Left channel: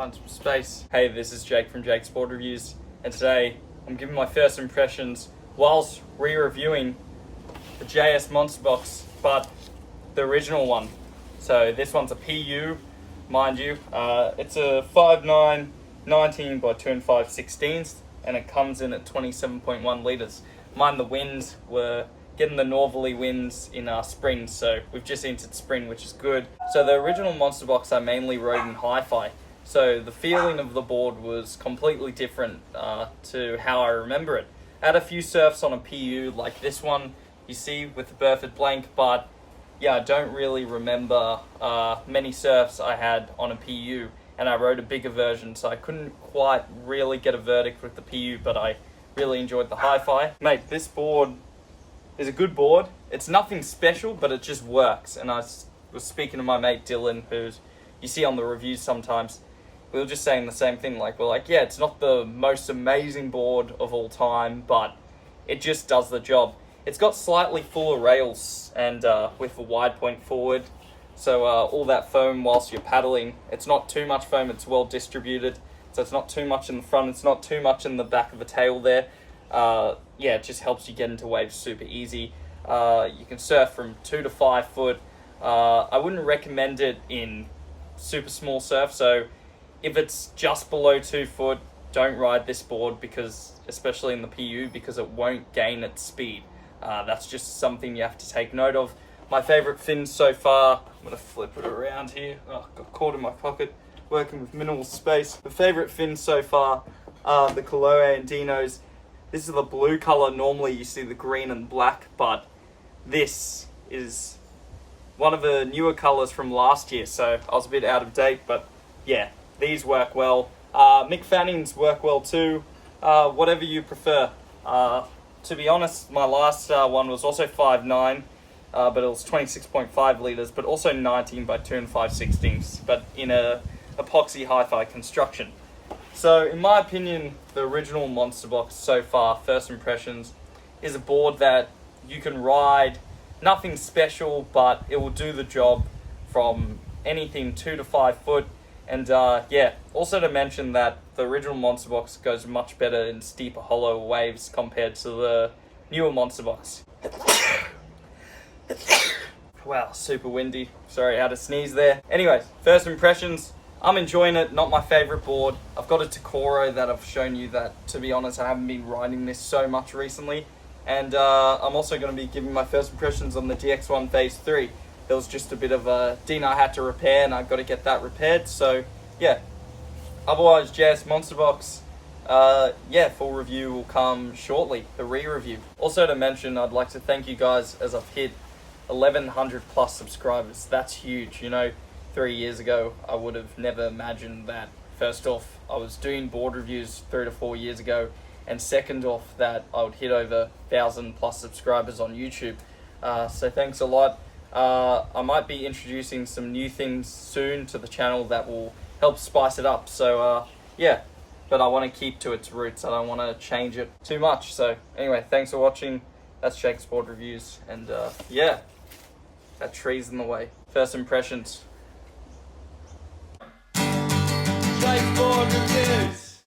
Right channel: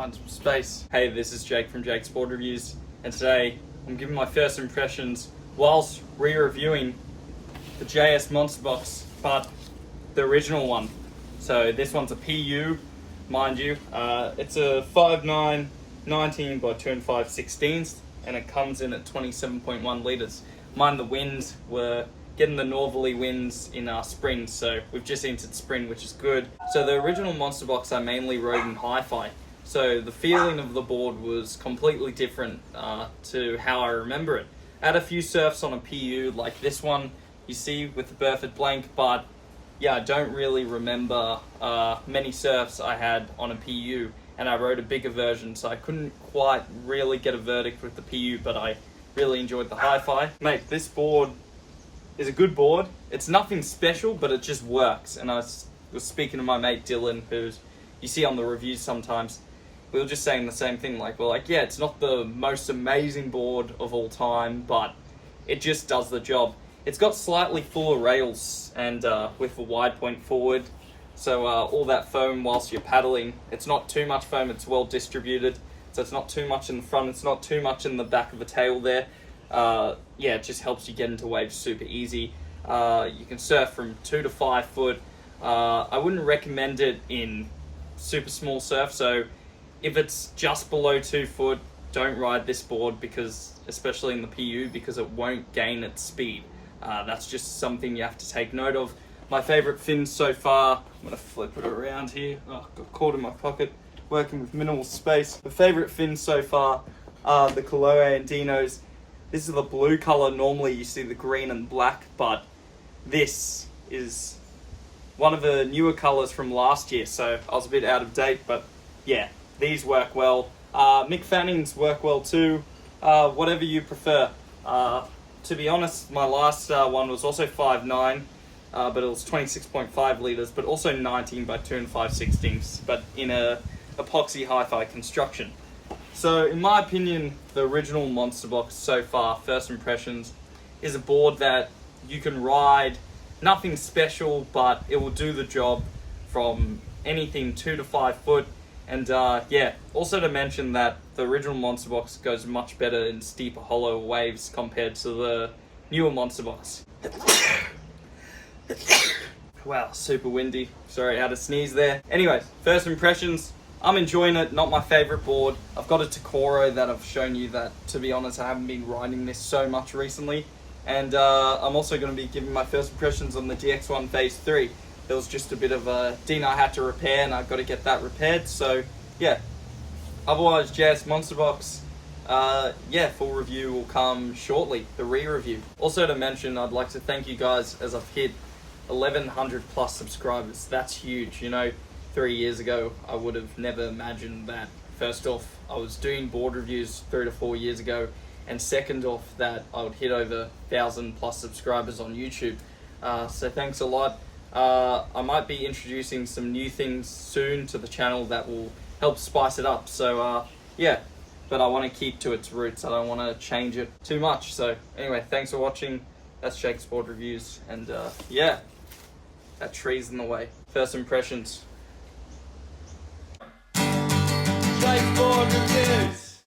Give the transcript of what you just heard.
Find some space. Hey, this is Jake from Jake's Board Reviews, and today I'm giving my first impressions whilst re-reviewing the JS Monsta Box, but the original one. So this one's a PU, mind you. It's a 5.9 19 by 2.5/16, and it comes in at 27.1 litres. Mind the winds, we're getting the northerly winds in our spring, so we've just entered spring, which is good. So the original Monsta Box I mainly rode in hi-fi, so the feeling of the board was completely different to how I remember it. I had a few surfs on a PU like this one you see with the Burford blank, but yeah, I don't really remember many surfs I had on a PU, and I rode a bigger version, so I couldn't quite really get a verdict with the PU, but I really enjoyed the hi-fi. Mate, this board is a good board. It's nothing special, but it just works. And I was speaking to my mate Dylan, who's you see on the reviews sometimes. We were just saying the same thing. We're like, yeah, it's not the most amazing board of all time, but it just does the job. It's got slightly fuller rails and with a wide point forward. So all that foam whilst you're paddling, it's not too much foam, it's well distributed. So it's not too much in the front, it's not too much in the back of the tail there. Yeah, it just helps you get into waves super easy. You can surf from 2 to 5 foot. I wouldn't recommend it in super small surf, so if it's just below 2 foot, don't ride this board, because especially in the PU, because it won't gain its speed. That's just something you have to take note of. My favorite fins so far, I'm gonna flip it around here. Oh, got caught in my pocket, working with minimal space. The favorite fins so far are the Kolohe Andinos. This is the blue color. Normally you see the green and black, but this is one of the newer colors from last year, so I was a bit out of date, but yeah, these work well. Mick Fannings work well too, whatever you prefer. To be honest, my last one was also 5.9, but it was 26.5 litres, but also 19 by 2.5/16, but in a epoxy hi-fi construction. So in my opinion, the original Monsta Box so far, first impressions, is a board that you can ride, nothing special, but it will do the job from anything 2 to 5 foot. And yeah, also to mention that the original Monsta Box goes much better in steeper hollow waves compared to the newer Monsta Box. Wow, super windy. Sorry, I had a sneeze there. Anyways, first impressions. I'm enjoying it, not my favorite board. I've got a Takoro that I've shown you that, to be honest, I haven't been riding this so much recently. And I'm also going to be giving my first impressions on the GX1 Phase 3. There was just a bit of a ding I had to repair, and I've got to get that repaired. So yeah, otherwise JS Monsta Box, yeah, full review will come shortly, the re-review. Also to mention, I'd like to thank you guys as I've hit 1,100 plus subscribers. That's huge, you know. 3 years ago, I would have never imagined that. First off, I was doing board reviews 3 to 4 years ago, and second off, that I would hit over 1,000 plus subscribers on YouTube. So thanks a lot. I might be introducing some new things soon to the channel that will help spice it up. So yeah, but I want to keep to its roots. I don't want to change it too much. So anyway, thanks for watching. That's Jake's Board Reviews, and yeah, that tree's in the way. First impressions. Surfboard Reviews.